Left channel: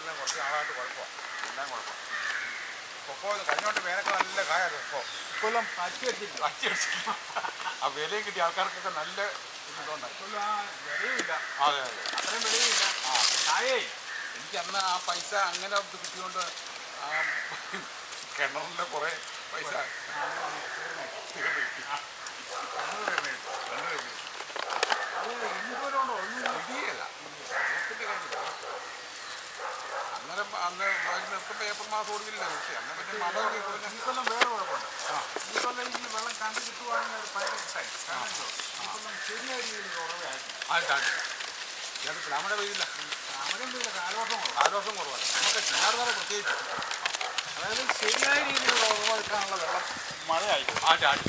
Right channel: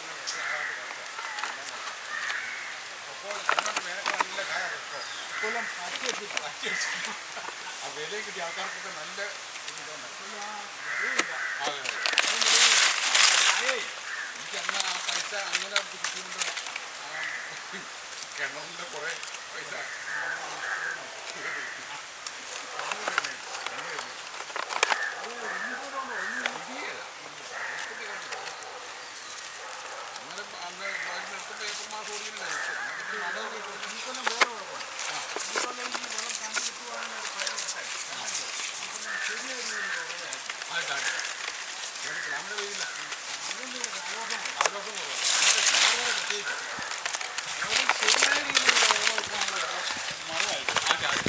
എല്ലാം കുറച്ച് നാളായിട്ട് കുഴപ്പമാണ്. എല്ലാം കുഴപ്പം. ഇപ്പോൾ കഴിഞ്ഞോണ്ട് വേനൊക്കെ നല്ല കായാണ്. ഇക്കൊല്ലം അച്ചി വെച്ചില്ല. ആ വിലയും കിട്ടിയ ആൾക്കാർക്കൊക്കെ നല്ല ഇതുണ്ടായി. വിലയില്ല. അതെ അതെ. അത്രയും വിലയില്ല. കായേ എനിക്ക് അന്ന് ആ പൈസ അങ്ങനെ കിട്ടിയോണ്ട് ആ കിണറിൻ്റെ കുറേ പൈസ അങ്ങനെ അന്ന് നിർത്തുമ്പോൾ ഏപ്രിൽ മാസം ഓടിയില്ല. ഇക്കൊല്ലം വേറെ കുഴപ്പമുണ്ട്. ഇക്കൊല്ലം ഈ വെള്ളം കണ്ടു കിട്ടുവാണെങ്കിൽ ഭയങ്കര ഇഷ്ടമായി. ഇക്കൊല്ലം ശരിയായ രീതിയിൽ കുറവായിട്ടാണ്. കേട്ടിട്ടില്ല. നമ്മുടെ വെയില്ല. അവിടെ കാലവർഷം കുറവാണ്. നമുക്ക് കിണറുകളെ പ്രത്യേകിച്ച് അതായത് ശരിയായ രീതിയിലുള്ള ഉറവായിട്ടാണുള്ള വെള്ളം മഴയായിട്ട് ആ ചാടി